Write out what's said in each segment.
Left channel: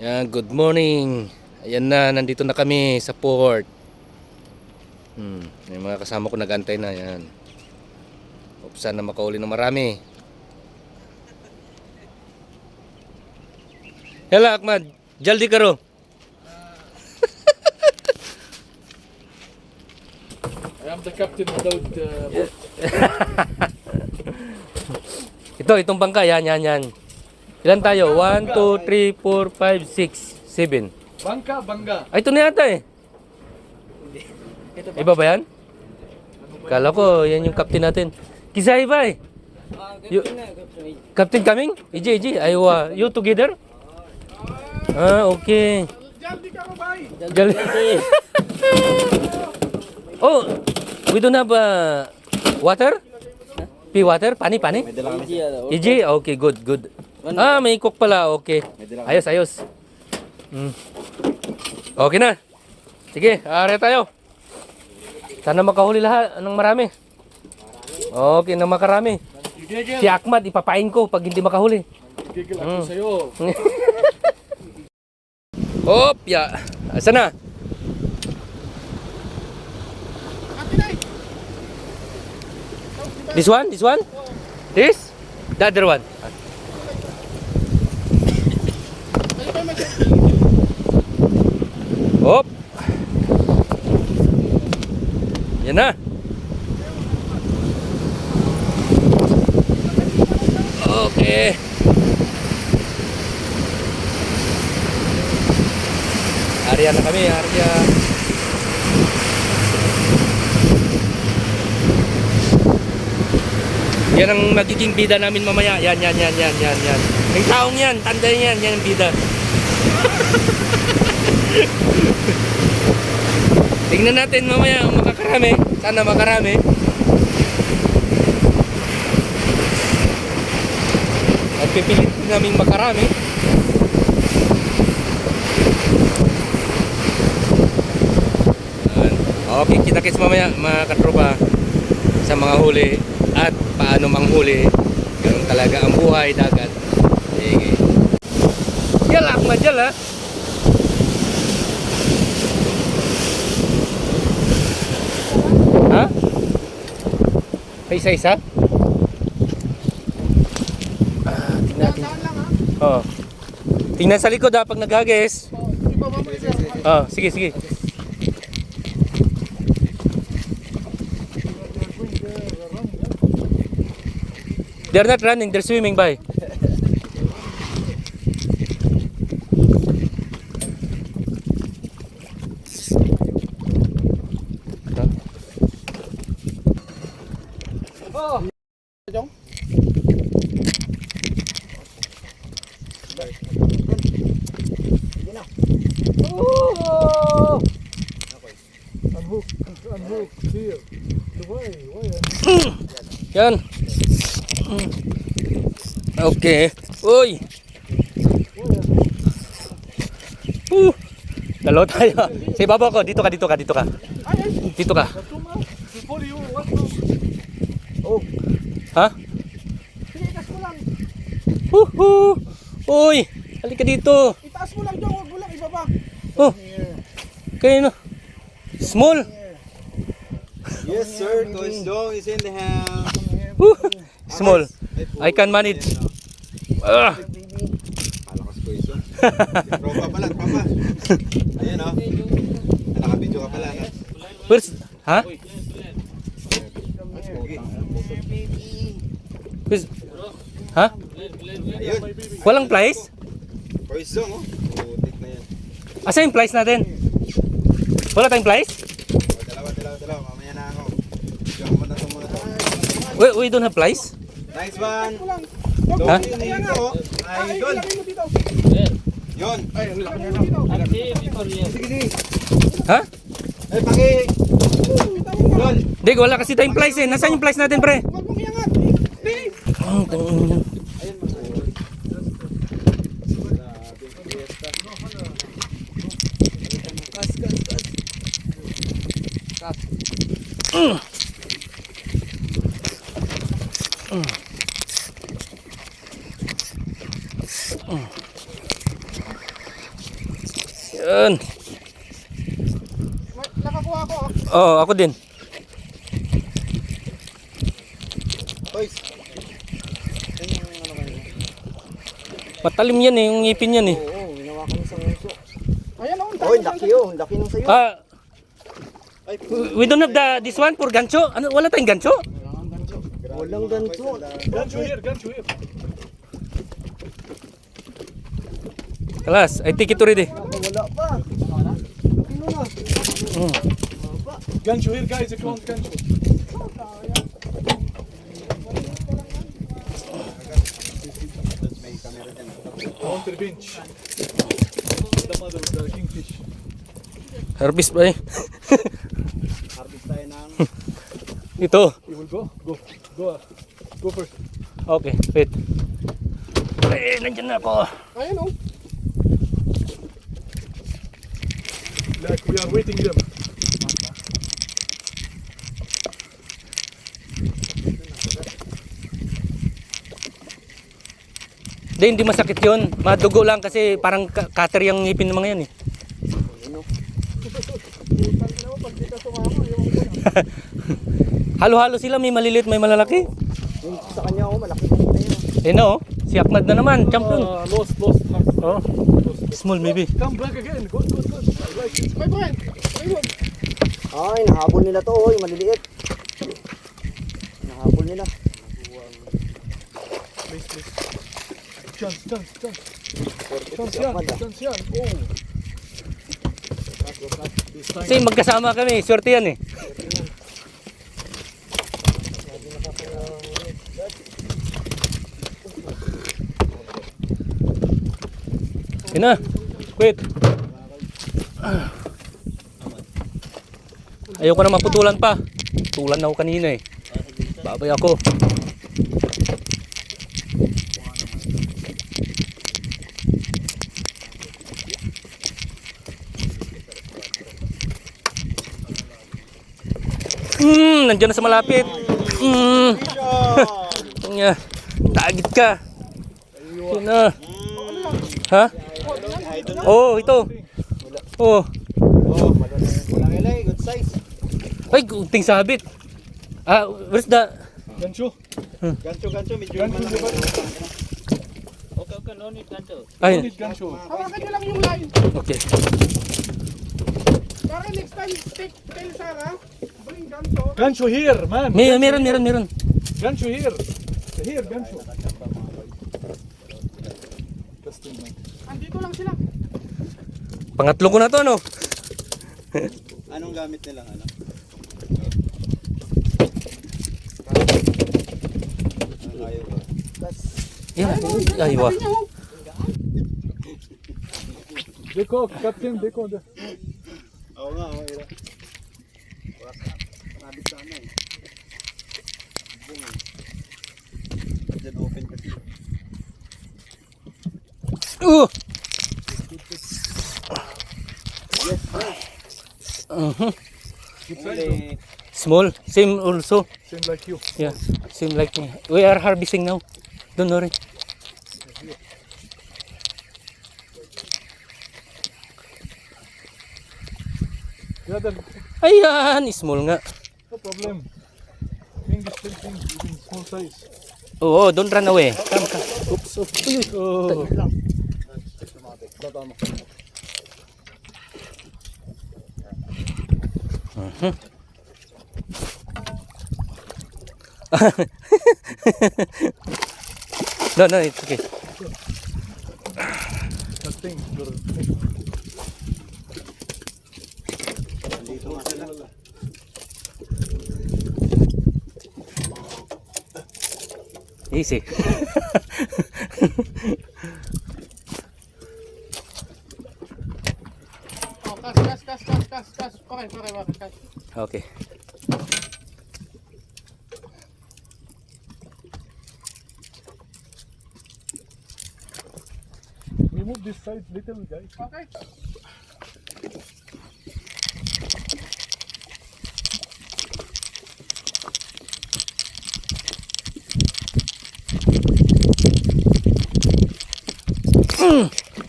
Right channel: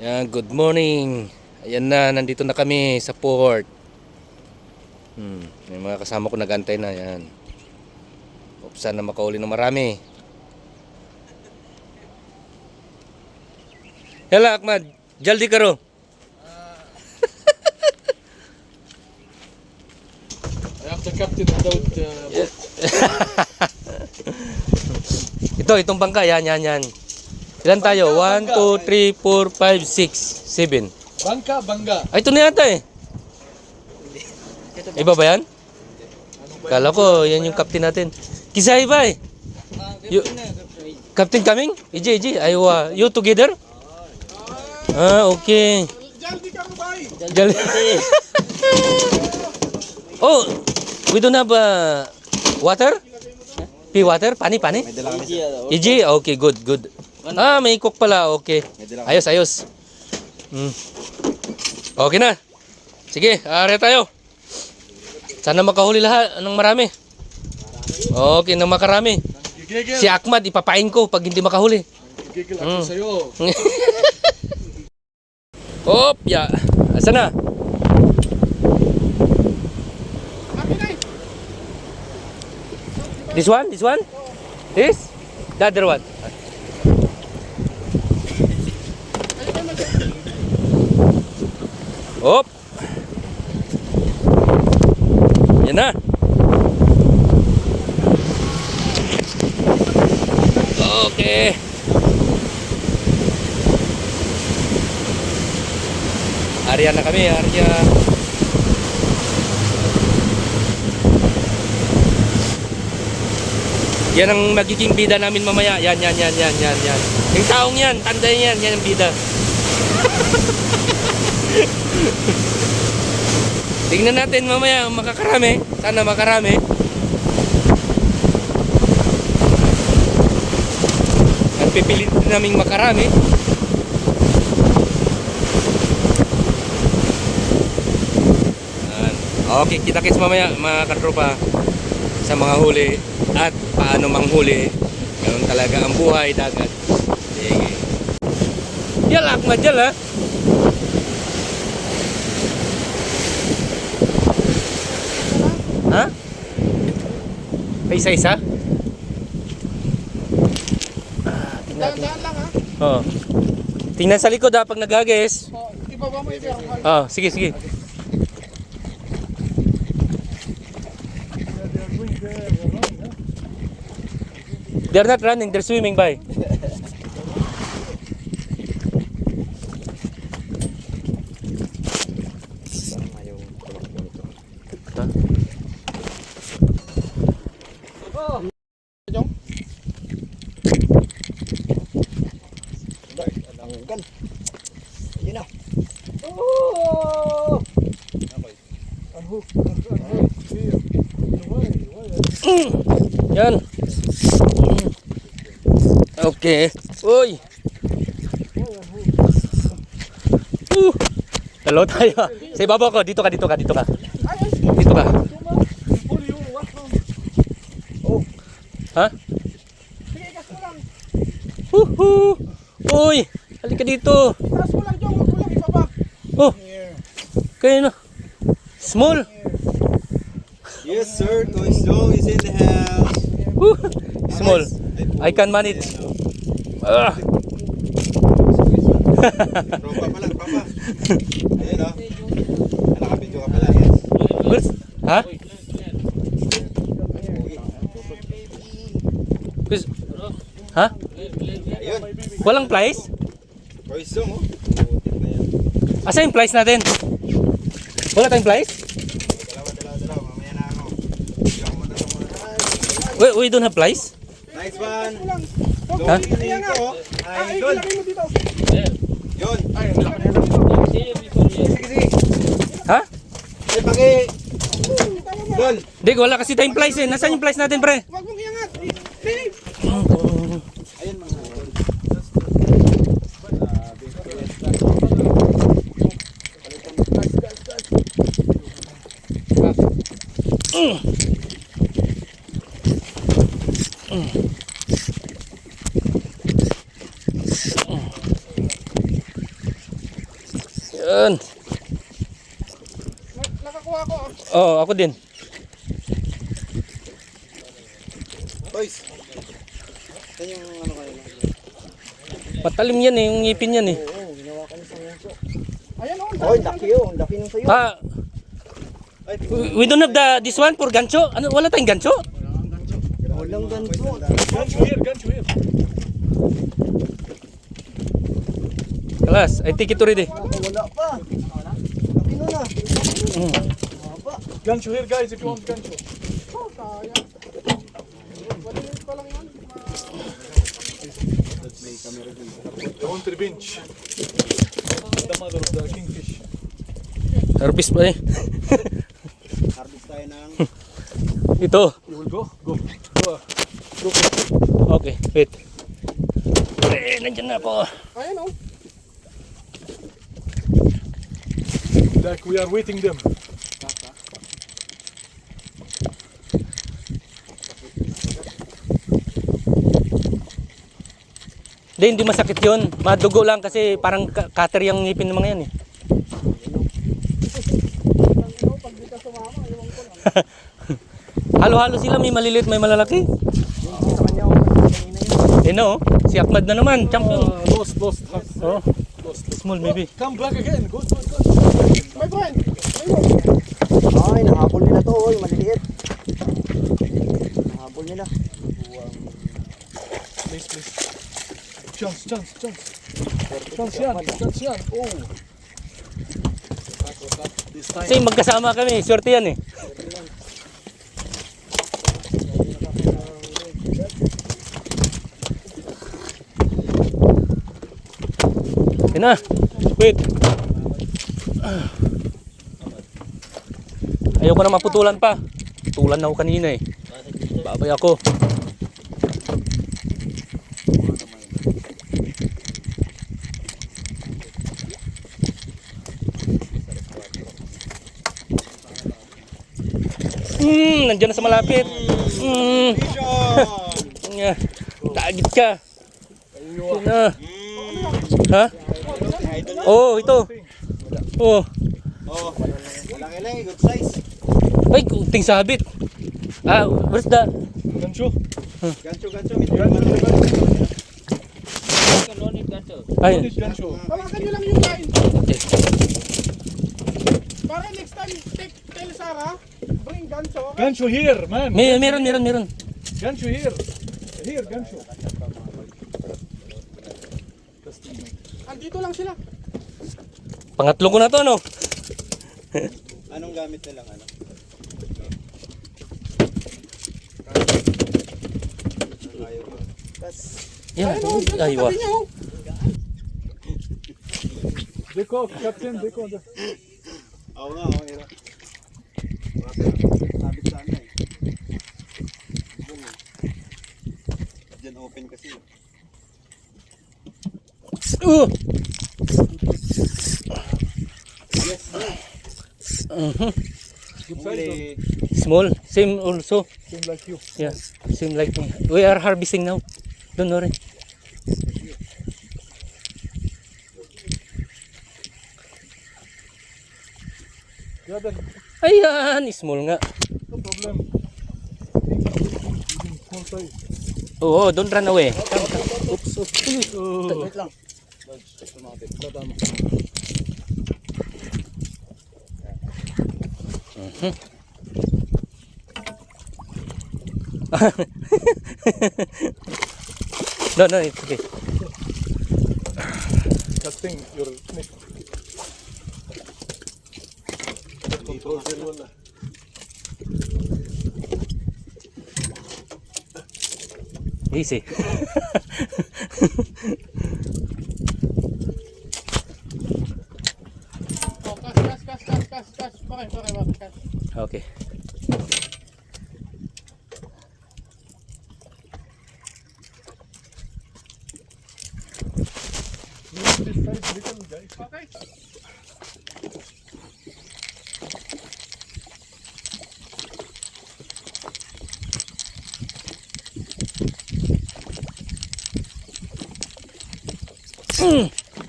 Yan, good morning. Ayan na, nandito na kami sa port. May mga kasama ko nagantay na yan. Sana makauli na marami. Hello Ahmad, jaldi karo. I am the captain without boat. Itong bangka, yan. Ilan tayo? 1, 2, 3, 4, 5, 6, 7. Bangka. Ay, ito na yata eh. Iba ba yan? Kala ko, yan yung captain natin. Kisay ba eh? Captain coming? Iji, aywa. You together? Ah, okay. Jaldi. Oh, we don't have water? Pea water? Pani? Iji, okay, good. Ah, may cook pala, okay. Ayos. Okay na. Sige, are tayo. Sana makahuli lahat ng marami. Okay, na makarami. Si Ahmad, ipapain ko pag hindi makahuli. Gigil ako sa'yo. Hop, ya. Asa na? This one? This? The other one? Hop. Yan na. Okay. Arya na kami, Arya. Yan ang magiging bida namin mamaya. Yan. Yung taong yan, tandayin yan ang bida. Tingnan natin mamaya makakarami. Sana makarami. At pipilit din namin makarami. Okay, kita-kits mamaya mga katropa sa mga huli at paano manghuli. Ganun talaga ang buhay dagat. Sige. Yala, Ahmad, yala. Ha? Isa-isa? Tingnan natin. Oo. Tingnan sa likod pag naghagis. Sige. They're not running, they're swimming by. Yan. Okay. Uy. Dalaw tayo. Sa ibabaw ko. Dito ka. Dito ka. Ha? Uy. Halika dito. Oh. Kayo na. Small. Yes, sir. Toy Strong is in the house. Small. I can manage. Bro, papa. Ayan o. Nakabidyo ka pala. Ha? Ha? Ayun. Walang plies? Toy Strong o. Putik na yan. Asa yung plies natin? Wala tayong plies? Dalawa. Mamaya na ano. Bidyo ka muna itong mga. We don't have plies? Nice one. Ha? Dito. Ay, good. Yun. Sige. Ha? Ay, paki. Yun. Dig, wala kasi tayong plies eh. Nasaan yung plies natin, pre? Huwag mong iangat. Ayun, Yan. Nakakuha ko. Oo, ako din. Toys. Yan yung ano kayo. Matalim yan eh, yung ngipin yan eh. Oo, ginawa ko sa ngayon. Ayan o, laki yun. Laki nung sa'yo. Ah, Ay, we don't have this one for gancho. Ano, wala tayong gancho? walang ganso. Gancho here, gancho here. Kalas, I take it already. Wala pa. Laki na na. Mm. Gancho here, guys, if you want gancho. I want the bench. The mother of the kingfish. Harvest ba eh? Harvest tayo ng... Ito. You will go? Go. Go. Go for it. Okay, wait. Eh, nandyan na ako. Ayan o. Like we are waiting them. Hindi masakit yun. Madugo lang kasi parang cutter yung ngipin ng mga yan eh. Halo-halo sila, may maliliit, may malalaki. Yung sa kanya ako. Eh no, si Ahmad na naman, champion. Lost. Oh, small maybe. Come back again. Go. My friend. Ay, nahabol nila to. Oy, maliliit. Nahabol nila. Please. Chance yan. Oh. This time. Kasi magkasama kami, swerte yan eh. Yun na, wait. Ayoko na maputulan pa. Tulan na ako kanina eh. Babay ako. Nandiyan na sa malapit. Yeah. Tagit ka. Yun na. Ha? Oh, ito. Oh. Malaki good size. Ay, kunting sabit. Ah, where's the... Gancho. Gancho, medyo Ay, Gancho. hawakan nyo lang yung line. okay. Para next time, take kayo Sarah. Bring gancho. Gancho here, man. Meron. Gancho here. Here, gancho. Andito lang sila. Pangatlo ko na to, no? Anong gamit nila? Ano? Yan. Ay, wah. Deko, Captain, deko. Oo nga, oo. Nabit sana eh. Diyan open kasi. Yes, Good size. Small, same also. Same like you. Yeah, same like me. We are harvesting now. Don't worry. Yeah, then Ayan, small nga. no problem. Even small size. Oo, don't run away. Come. Oops. Uy, Oh. wait lang. Tatama. No, it's okay. Captain, you're Dito nga sila. Easy. Okay. this side little guys. Okay.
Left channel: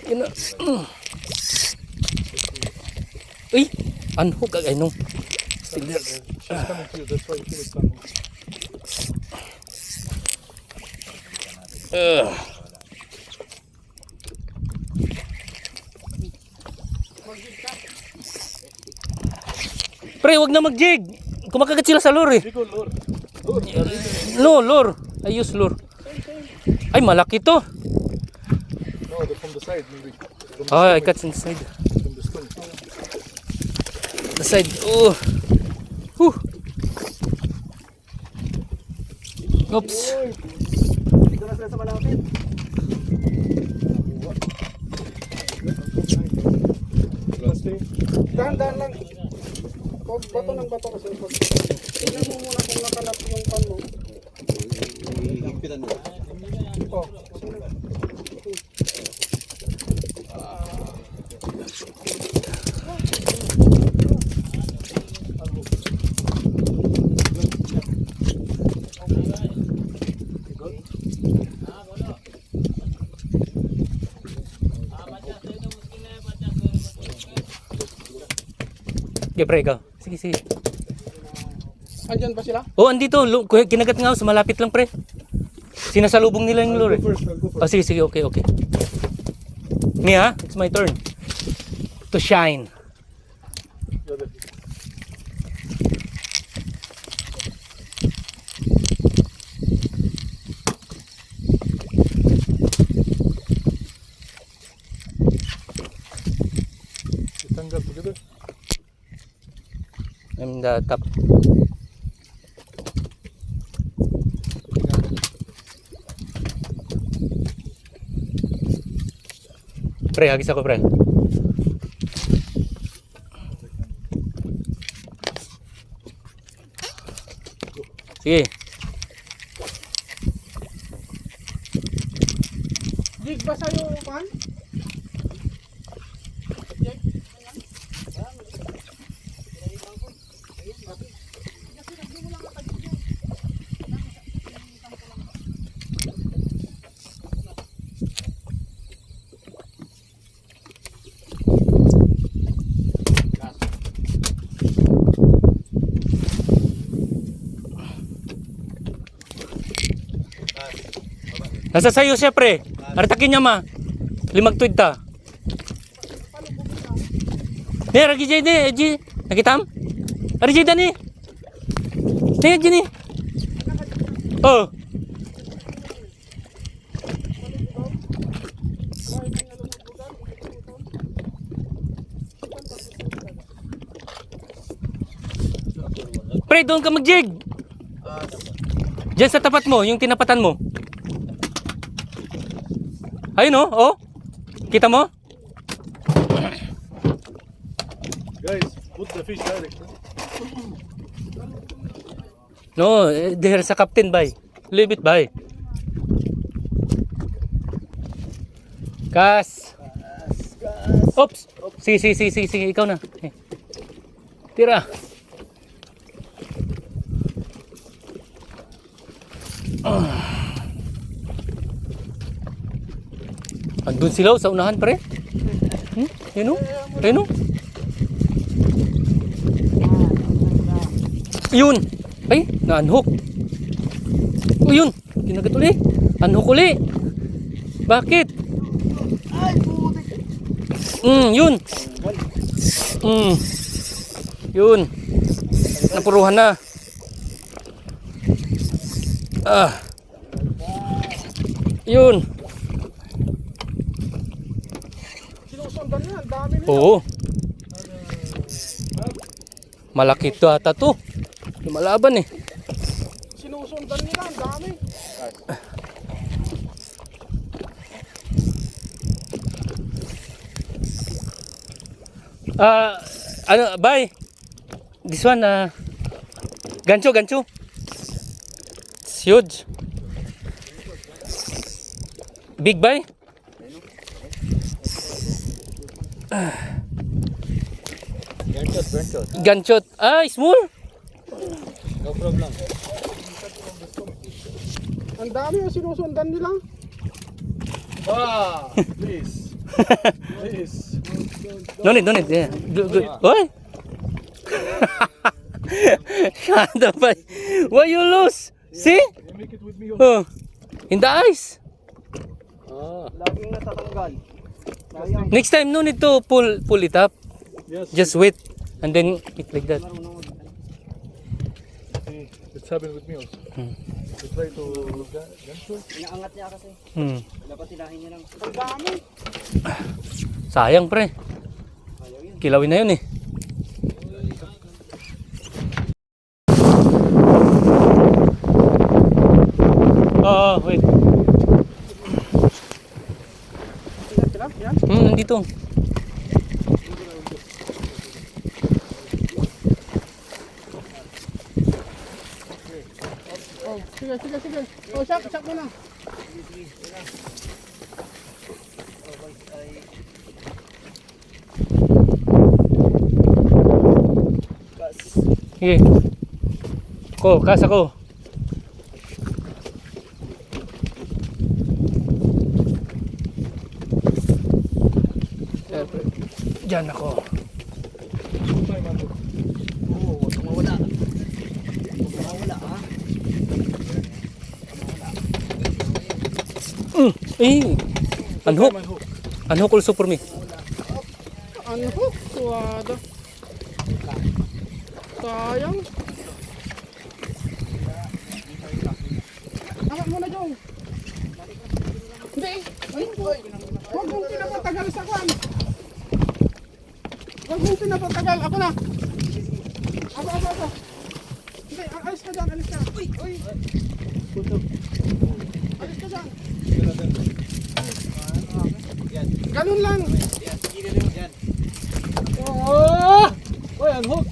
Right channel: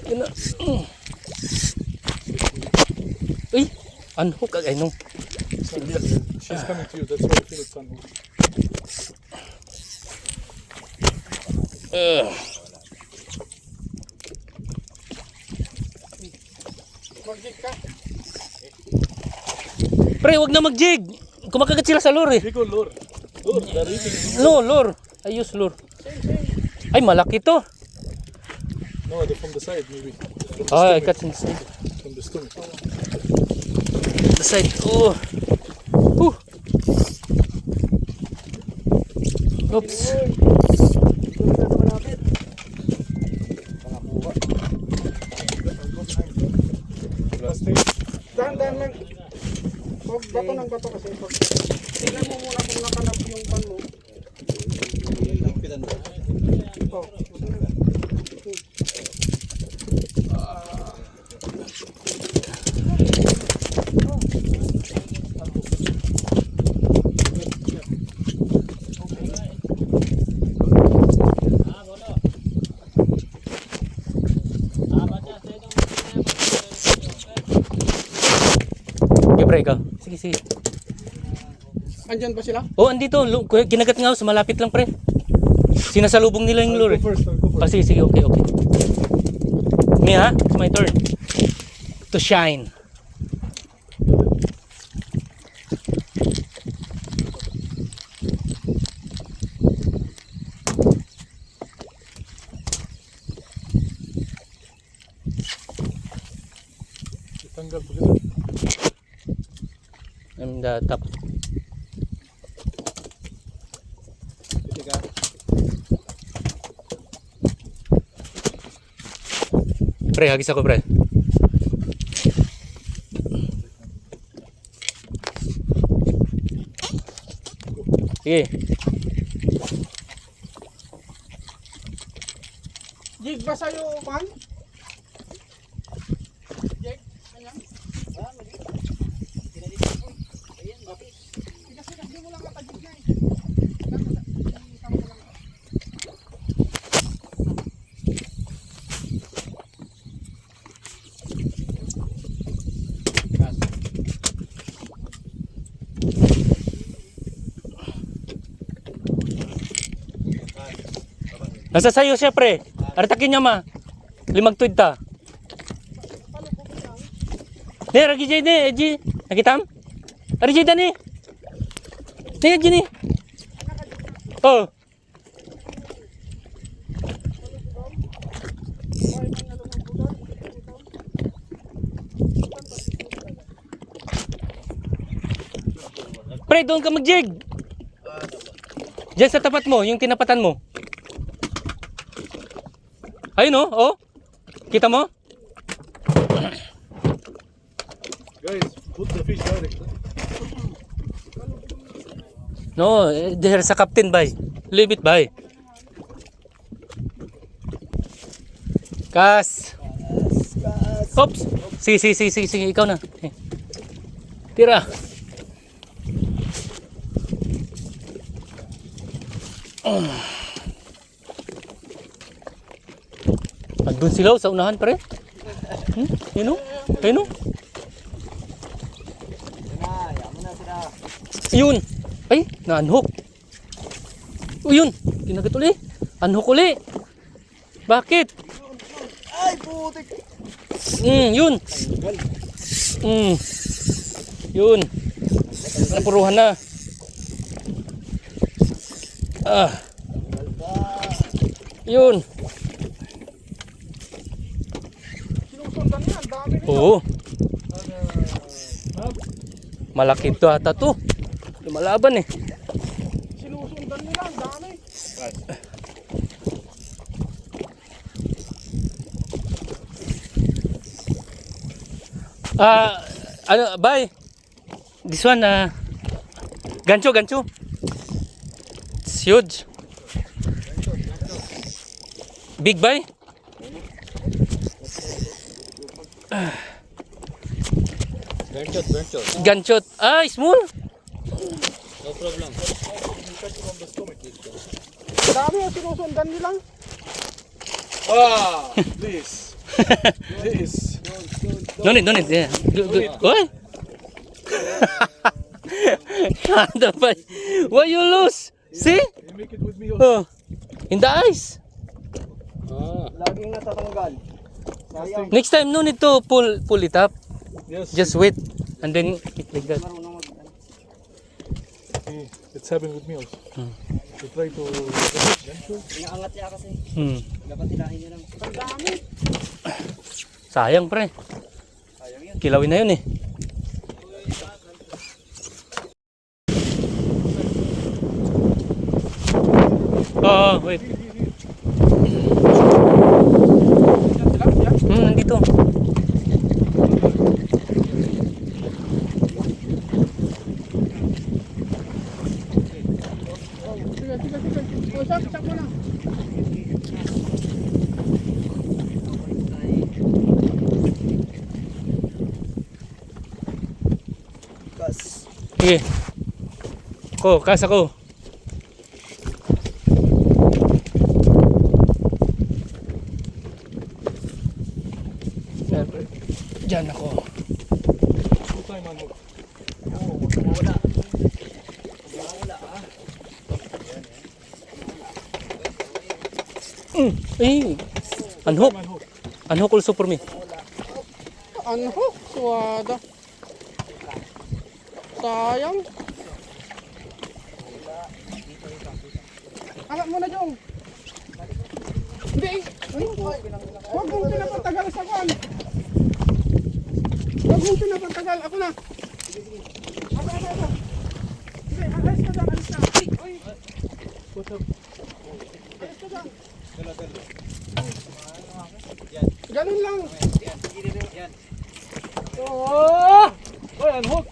Yun na. Uy! Unhook. Ay, no. Still there. She's coming to you, that's why you feel it's unhooked. Pre, wag na mag-jig. Kumakagat sila sa lure eh. Big old lure. Lure, the rigging. No, lure. I use lure. Ay, malaki to. No, they're from the side maybe. From the Oh, I stomach. got inside. From the stomach. The side. Oh. Whew. Oops. Plastic. Dahan-dahan lang. Pag bato ng bato kasi. Tingnan mo muna kung nakalap yung pan mo. Higpitan mo. Oh. Okay, pre, ikaw. Sige, sige. Andyan ba sila? Oh, andito. Kinagat nga ako. Sa malapit lang, pre. Sinasalubong nila yung lure. I'll go first, I'll go Ah, first. sige, sige. Okay, okay. Me, ha? It's my turn. To shine. Tanggal together. I'm the top. Pre, hagis ako, pre. Sige. Jig ba sa'yo, pan? Nasa sayo siya, pre. Artakin niya, ma. Limagtuid ta. Ne, ragi jay ne, Eji. Nakitam? Ari jay dani. Ne, Eji ni. Oh. Pre, doon ka mag-jig. Diyan sa tapat mo, yung tinapatan mo. Ayun oh. Kita mo? Guys, put the fish direct. Huh? No, there sa captain bay. Leave it bay. Kas. Oops. Sige, ikaw na. Tira. Andun sila sa unahan, pre. Yun o. Ayun o. Yun. Ay, na-unhook. O yun. Kinagat uli. Unhook uli. Bakit? Ay, putik! Yun. Yun. Napuruhan na. Yun. Sinusundan niya, ang dami nila. Oo. Malaki to ata to. Lumalaban eh. Sinusundan nila, ang dami. Ano, bye. This one, gancho. It's huge. Big bye. Ganchot. Ah, small. No problem. Ang dami yung sinusundan nila. Ah, please. This. No need. Yeah. Good. Oy! Kada ba? Why you lose? See? You make it with me also. Oh. In the ice. Laging natatanggal. Sayang. Next time, no need to pull it up. Yes. Just wait. And then it like that. See, it's happened with me also. You try to ganito. Inaangat niya kasi. Dapat hilahin niya lang. Ang dami. Sayang pre. Sayang yun. Kilawin na yun eh. Wait. Nandito. Sige. Oh, sak mo na. Sige. Kas ako. Diyan ako. Time on hook. Unhook. Unhook also for me. Unhook? Wada. Sayang. Alam mo na, Jong. Hindi. Huwag mong pinapatagal sa kan. Huwag mong pinapatagal. Ako na. Ako. Hindi, alis ka dyan. Alis ka. Uy. Alis ka dyan. Ganun lang. Oh! Oy, unhook.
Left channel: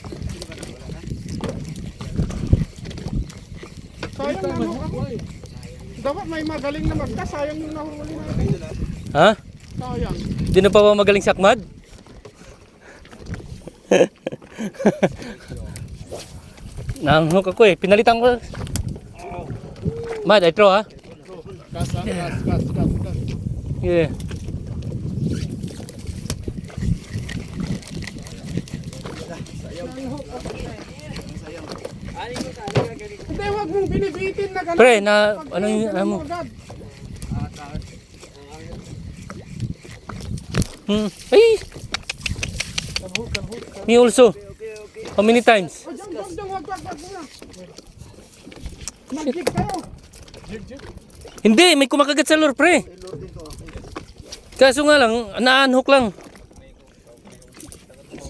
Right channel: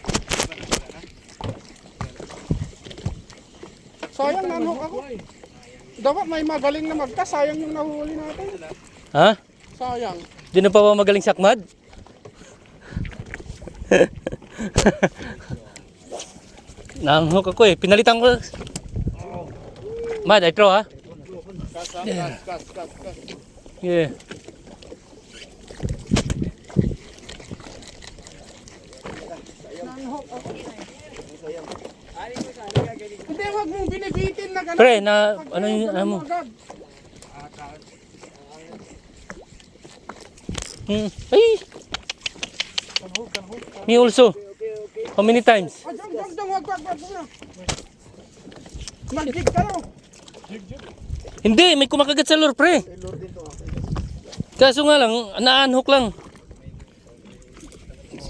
Sayang nanok ako. Dapat may magaling na magka. Sayang yung nahuli natin. Ha? Sayang. Di na pa ba magaling sakmad? Nanghok ako eh. Pinalitan ko. Mad, I throw ha? Gas. Yeah. Hindi, huwag mong pinipitin na gano'n. Pre, na ano yung ano mo? Agad. Ay! Me also. How many times? Oh, jump, wag na. Mag-jig ka raw. Hindi, may kumakagat sa lure, pre. Kaso nga lang, na-unhook lang.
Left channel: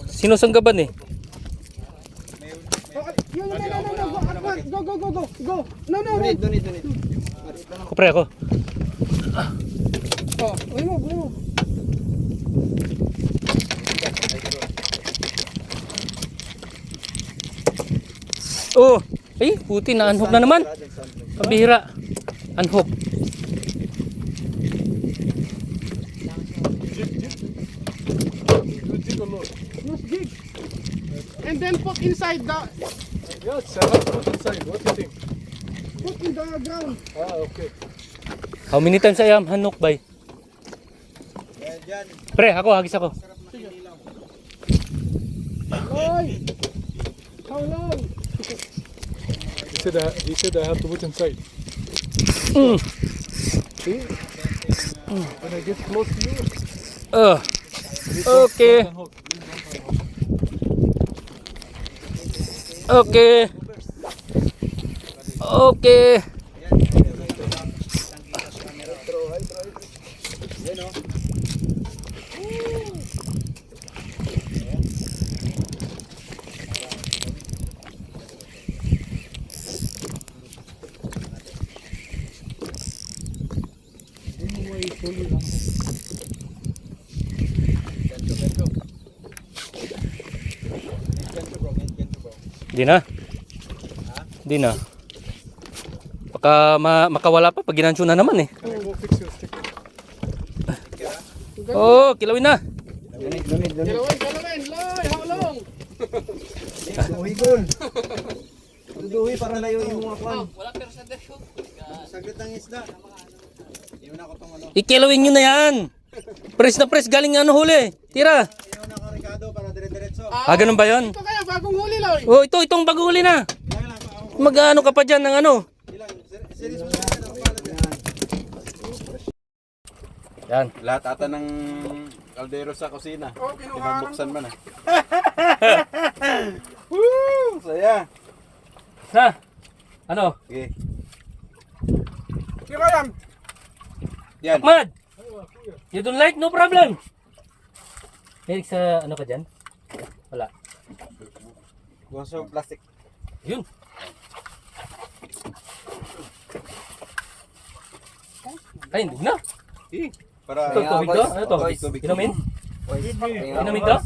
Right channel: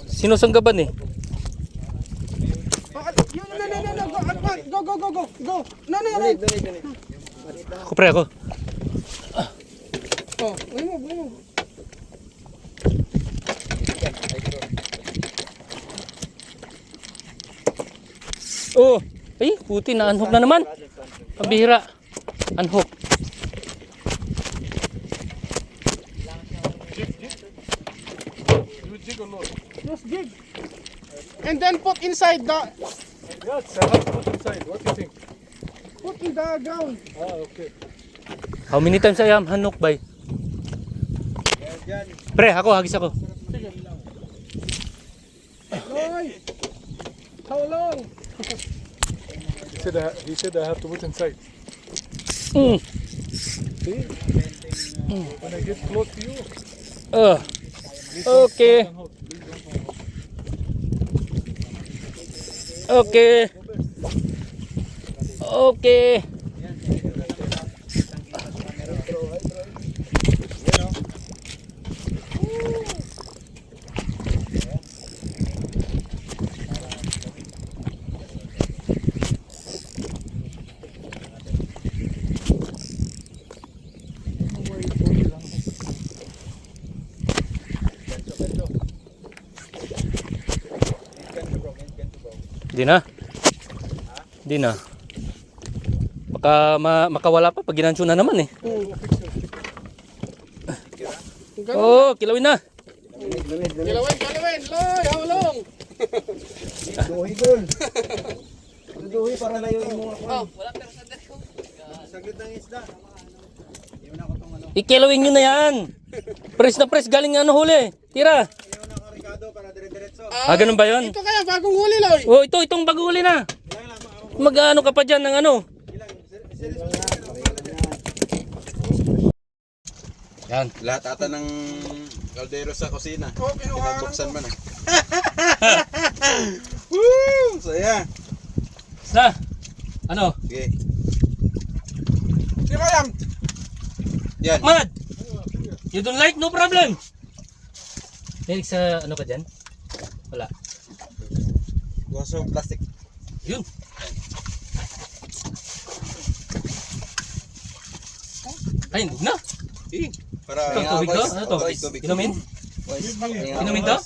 Sinusanggaban eh. Oh, no. Go. No. Ako pre, ako. Oh, remove. Oh, ay, puti na unhook na naman. Pabihira. Unhook. Jig or no? Use jig. And then put inside the... Yes, I have to put inside. What do you think? Put in the ground. Okay. How many times I am unhook by? Pre, hagis ako. Oy! How long? He said I have to put inside. See? When I get close to you, Okay. Okay. Di na. Baka makawala pa pag ginansyo na naman eh. Oh, kilawin na. Galawin. Loy, how long? Duhi para layuin mo ako. Wala pero sa saglit ng isda. Yun ako tong ano. Ikilawin nyo na yan. Press na press, galing ano huli. Tira. Ayaw na karikado para dire-diretso. Ganun ba yun? Ito kaya bagong huli, Loy. Oh, itong bago huli na. Mag-ano ka pa dyan ng ano? Serious mo Yan. Lahat ata ng kaldero sa kusina. Oh, pinuha. Pinabuksan man eh. Woo! Saya. Sa? Ano? Okay. Di ba yan? Yan. Mad! You don't like? No problem. Eric, sa ano ka dyan? Wala. Gusto plastic. Yun. Ay, hindi na. Eh, para Ito, tubig to? Ano to? Tubig. Inumin? Inumin to?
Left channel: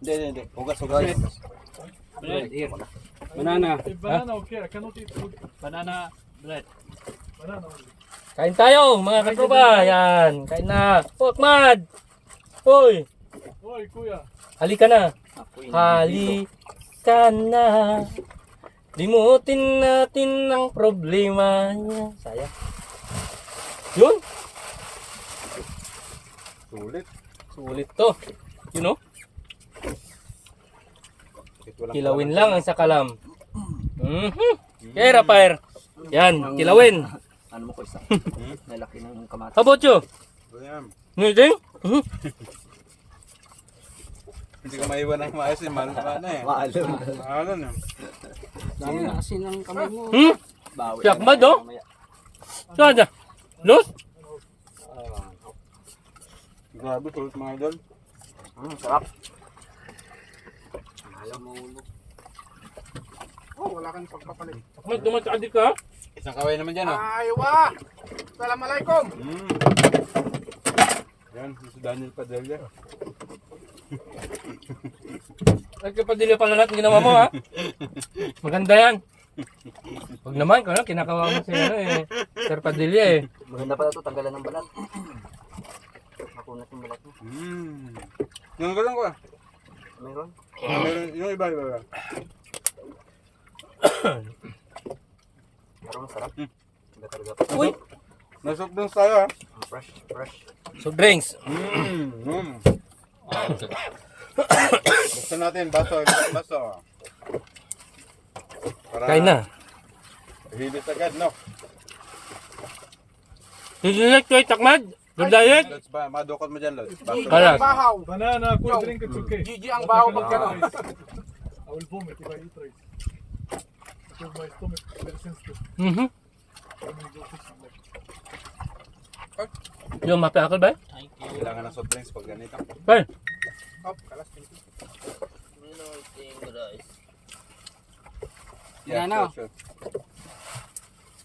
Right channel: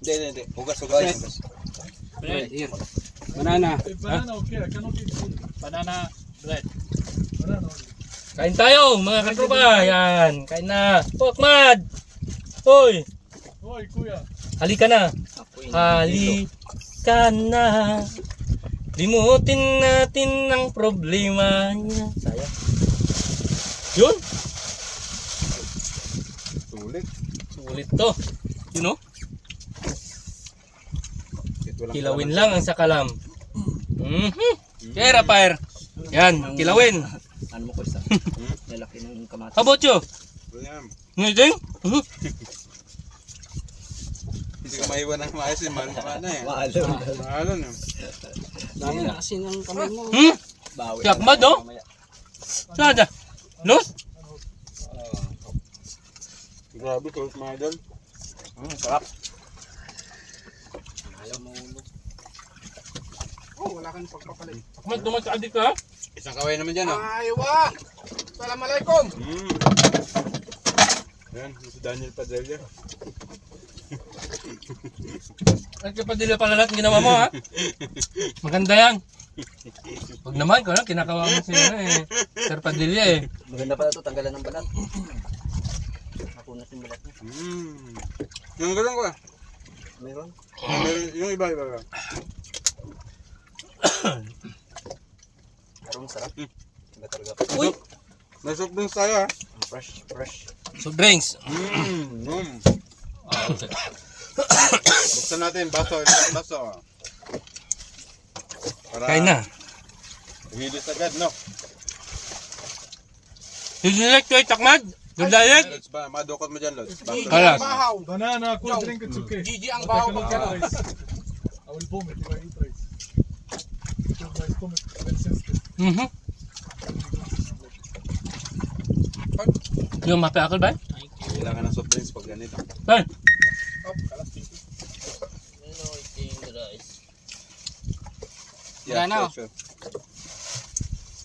Hindi. Hugas. Banana, okay. I cannot eat food. Banana bread. Banana. Kain tayo, mga katropa. Yan. Kain na. Oh, Ahmad! Hoy! Hoy, kuya. Halika na. Halika na. Limutin natin ang problema niya. Sayang. Yun. Sulit. Sulit to. You know? Ito lang. Kilawin lang ang sakalam. Kaya Rafael. Yan, kilawin. Ano mo ko isa? Lalaki ng kamatis. How about you? Yan. Ngiting? Hindi ka maiwan ng maayos eh. Mahal ka na eh. Maalon. Mahalon eh. Dami na kasi ng kamay mo. Bawi. Si Ahmad, oh? Saan dyan? Los? Grabe, sulit mga idol. Sarap. Oh, wala kang pagpapalit. Ahmad, dumataadik ka? Isang kaway naman dyan oh. Aywa! Assalamualaikum! Yan, si Daniel Padilla. Nagkapadili pala lahat ang ginawa mo, ha? Maganda yan. Pag naman, kinakawa mo si Sir Padilla eh. Maganda pala ito, tanggalan ng balat. Nakunat yung balat mo. Yung galang ko ah. Meron? Meron, yung iba. Pero masarap. Hindi talaga. Uy! Nasok dun tayo ah. Fresh. So drinks. Buksan natin, baso. Para Kain na. hilis agad, no? Did you like to eat, Ahmad? Your diet? Lods ba? Madukot mo dyan, Lods. Kaya. Bahaw! Banana, cool drink, it's okay. Gigi ang bahaw pag gano'n. I will vomit if I eat rice. Because my stomach is very sensitive. Yung mapiakal ba? Kailangan ng soft drinks pag ganito. Kain. Oh, kalas titi. Yeah, Banana. sure.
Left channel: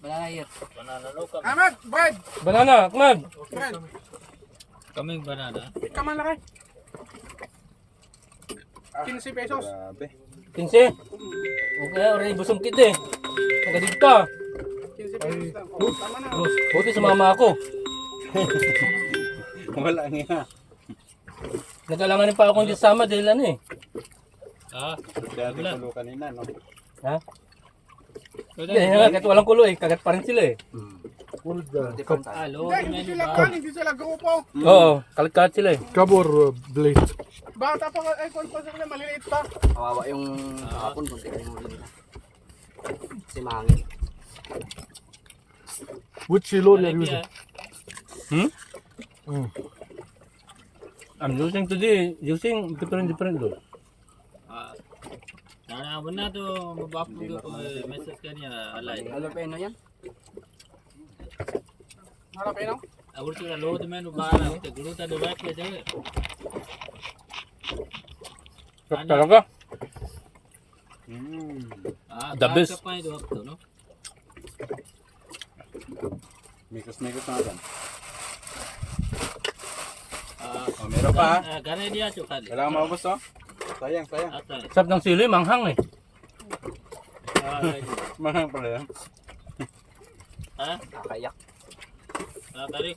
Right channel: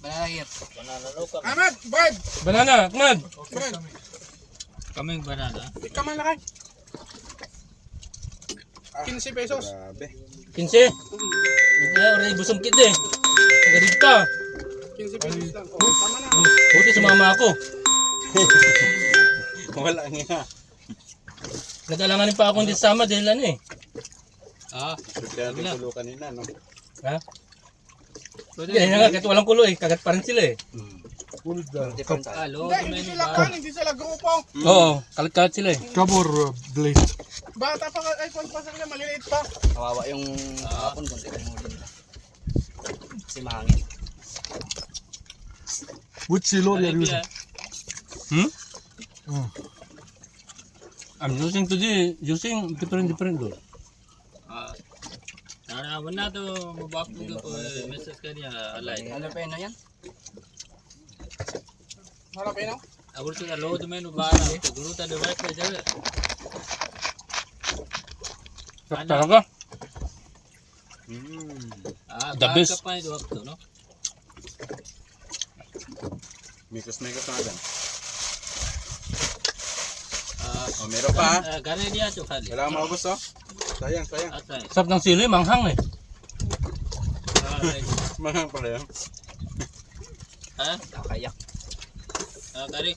Banana here. Ahmad, bread! Banana, Ahmad. Okay, Bread. coming. Ikaman lakay. 15 pesos. Grabe. 15. Okay, oray busong kid eh. Nagadig ka. 15 pesos lang. Oh, tama na. Buti sumama ako. Wala nga. Nag-alanganin pa ako hindi sama dahil ano eh. Kaya din tulo kanina, no? Ha? Yan nga, kahit walang kulo eh. Kagat pa rin sila eh. Different tayo. Hindi hindi sila grupo. Oo, kalat-kalat sila eh. Kabor blade. Bata pa, ay kung pa sila, maliliit pa. Kawawa yung kahapon kung tingnan mo nila. Kasi mahangin. Which lorry are you using? I'm using different doon. Naraman na to, mabapag ako, message ka niya, alay. Alam pa yun yan? Harap eh, no? Ako sila load men, ubahan ito, guruta do right pa dyan. Talaga? The best. Pa ito, no? Mikos natin. Oh, meron pa ha? Gano'n niya ito, kali. Kailangan maubos oh. Sayang. Ata, Sarap ng sili, manghang eh. Mahang pala yan. ha? Nakayak. Kari,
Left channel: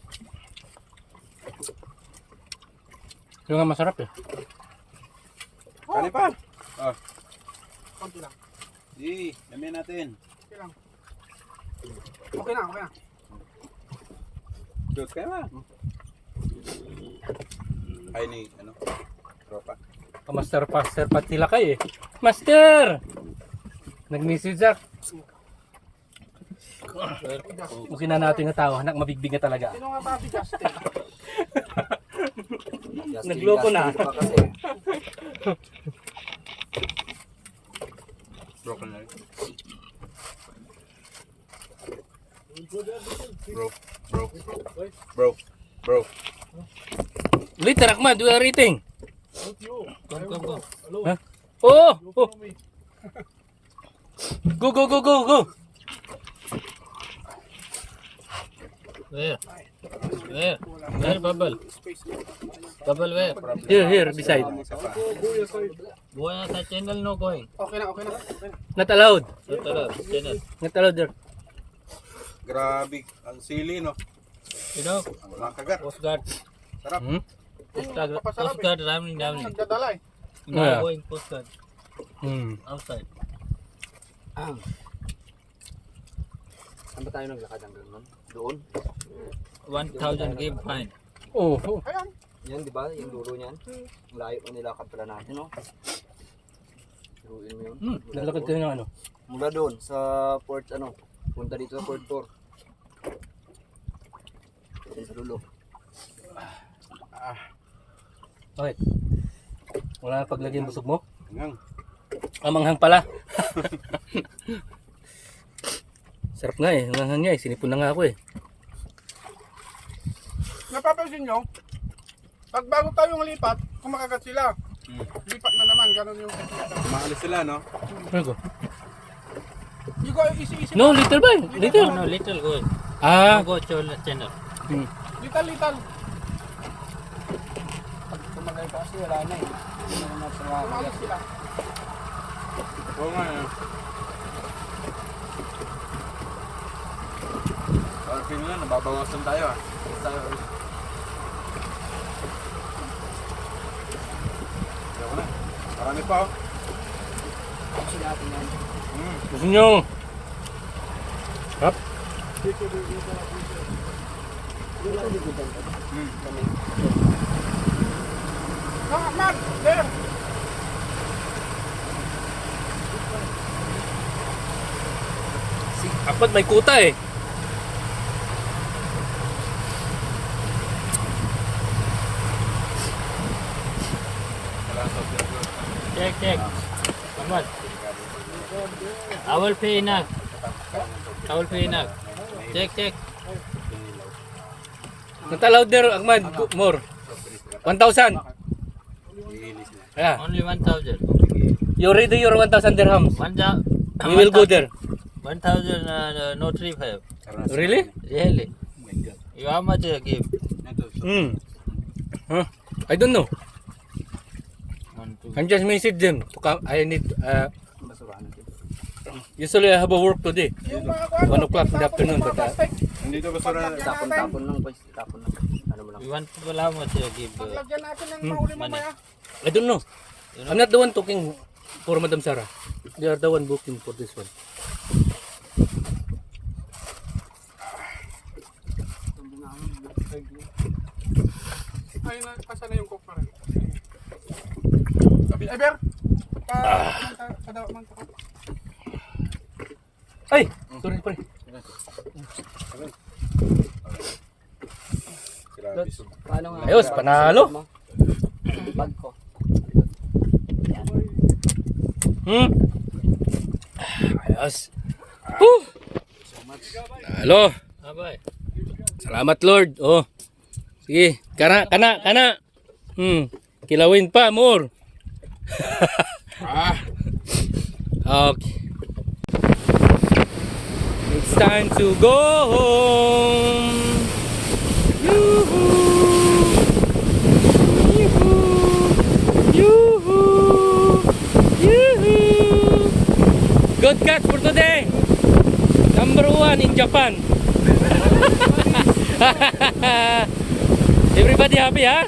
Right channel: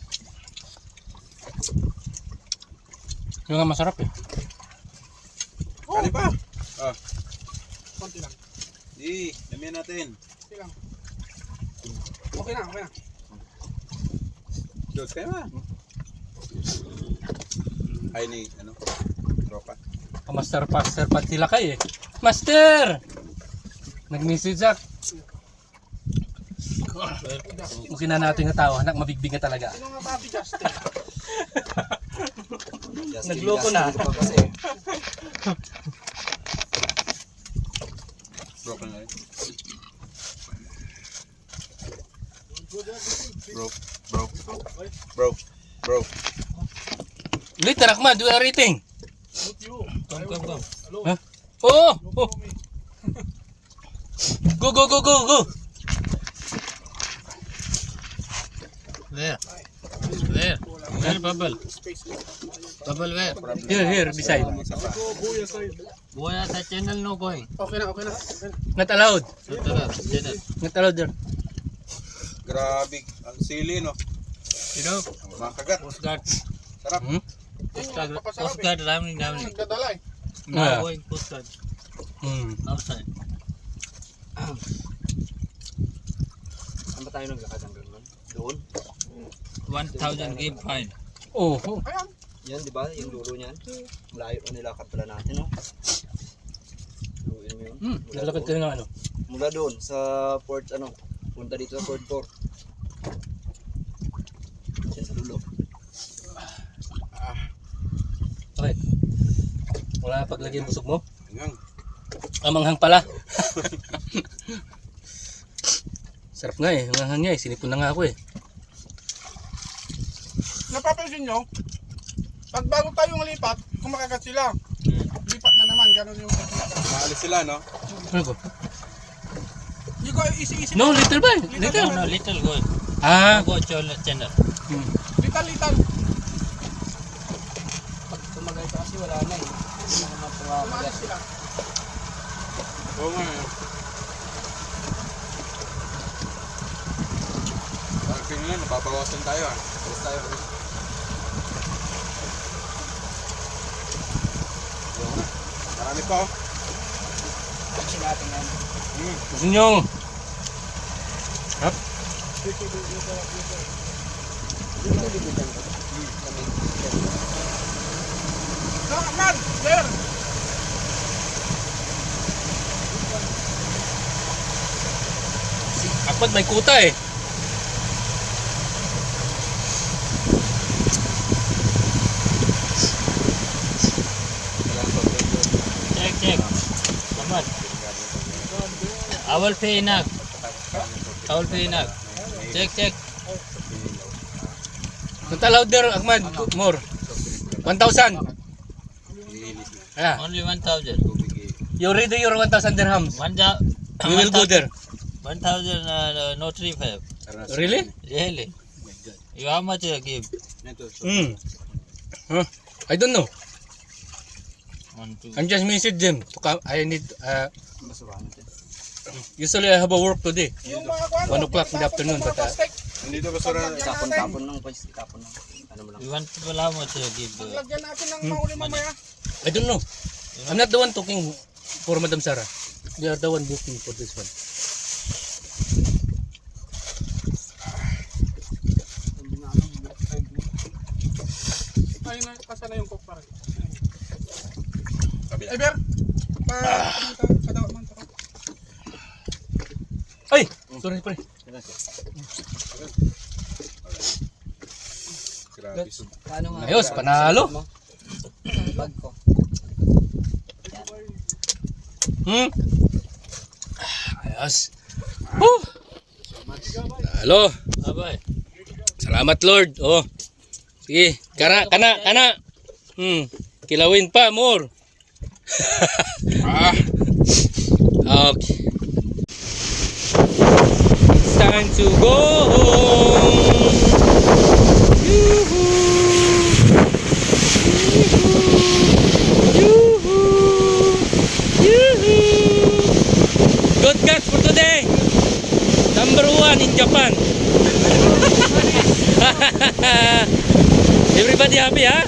Yung nga masarap eh. Kanin pa. Oh, Konti lang. damihan natin. Okay lang. Okay na. Dot kayo ma. Ay ni, ano? Tropa. Master pa sila kay eh. Master! Nag-message ako. Okay na natin yung tao, anak mabigbig na talaga. Sino nga ba si Justin? Nagloko na. Kasi, Broken na rin. Bro. Later, Ahmad, do a rating. Not you. I will Come. go. Hello. Huh? Oh! You Oh! follow me. Go! Where? Where bubble? Bubble where? Here, beside. Isa pa. Go your side. Boya sa channel no going. Okay na. Not allowed. Channel. Not allowed there. Grabe, ang sili, no? You know, Ang mga kagat. Coast Guard. Sarap. Hmm? Coast Guard ramming. Nagdadala eh. Yeah. Now going Coast Guard Hmm. outside. saan ba tayo naglakad hanggang nun? Doon? 1,000 give fine. Oh. Ayan. Yan, di ba? Yung dulo niyan. Malayo na nilakad pala natin, no? Luin mo yun. Naglakad ka ng ano? Mula doon sa port, ano, punta dito sa port 4. Diyan sa dulo. Okay. Wala na paglagyan busog mo? Hanggang. Amanghang pala. Sarap nga eh. Amanghang nga eh. Sinipon na nga ako eh. Napapansin nyo, pag bago tayong lipat, kumakagat sila. Lipat na naman, gano'n yung technique. Maalis sila, no? Ano ko? You go, easy. No, little ba? Little. No, little going. Ah. Go channel. Hmm. Lital. Tumagay kasi wala na eh. Umalis sila. Oo nga, eh. Parang feeling lang, nababawasan tayo, ah. Alis tayo. Ayaw na. Marami pa, oh. Kasi natin yan. Gusto nyo? Hap? No, Ahmad, there. Akpat may kuta eh. Check. Ahmad. I will pay enough. Check. Not allowed there, Ahmad. More. 1,000. Yeah. Only 1,000. You ready your 1,000 dirhams. We will go there. 1,000 no 3,500. Really? Really? You how much you give? Hmm. Huh? I don't know. 1, 2. I'm just message them to come. I need usually I have a work today. Yung mga 1 o'clock in the afternoon, but plastic, Nandito ba sura? Tapon ng boys. Tapon ng. Ano mo lang. You want people how much you give? paglagyan natin ng mahuli mamaya. I don't know. I'm not the one talking for Madam Sarah. They are the one booking for this one. Ay na, kasa na yung coke pa rin. Kabila. Eber, padawa man ako. Ay! Sorry, pre. Grabe. Paano nga? Ayos, panalo. Bag ko. Hmm? Ayos. Whew! Halo. Abay. Salamat, Lord. Oh. Sige. Kana. Kilawin pa, more. Okay. It's time to go home. Yoo-hoo. Yoo-hoo. Yoo-hoo. Good catch for today. Number 1 in Japan. Everybody happy, ha?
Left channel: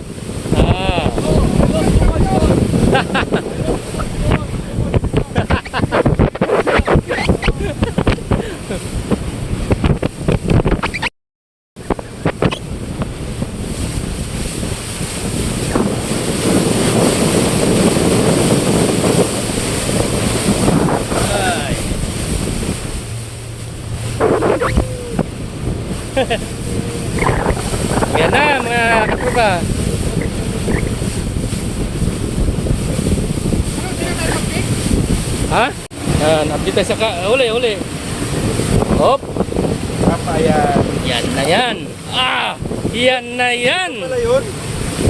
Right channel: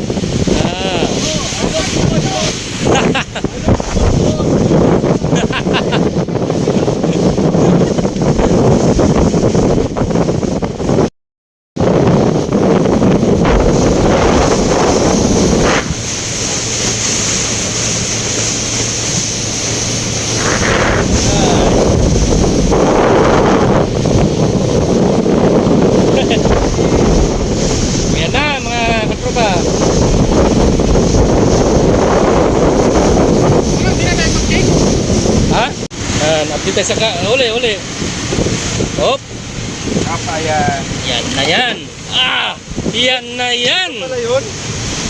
update tayo sa uli. Hop. Kapayan. Yan na yan. Ah! Yan na yan. Ayun.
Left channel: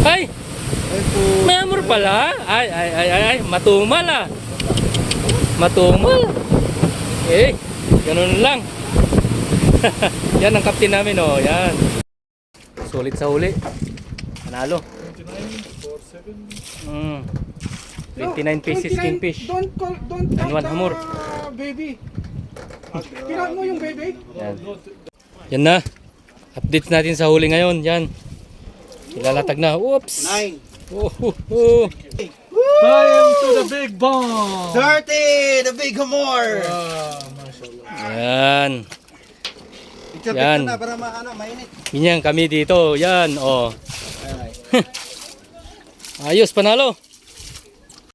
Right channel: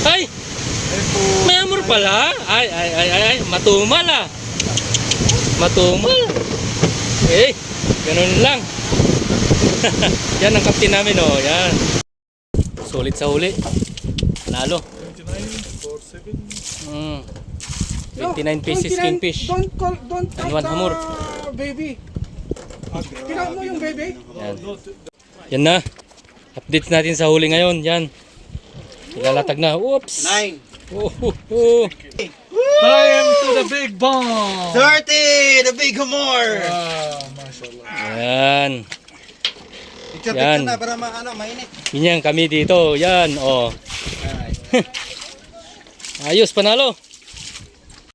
Ay! May amor pala. Ay. Matumal ah. Matumal. Eh, ganun lang. Yan ang kapten namin oh. Yan. Sulit sa huli. Panalo. 29 pieces kingfish. Don't And one hamor. Baby. Kailan mo yung baby? Yan. Yan na. Updates natin sa huli ngayon. Yan. Ilalatag na. Oops. 9. Time to the big bomb. 30! The big humor! Mashallah. Yan. Picture Yan. na para mainit. Ganyan kami dito. Yan. Oh. Ayos, panalo.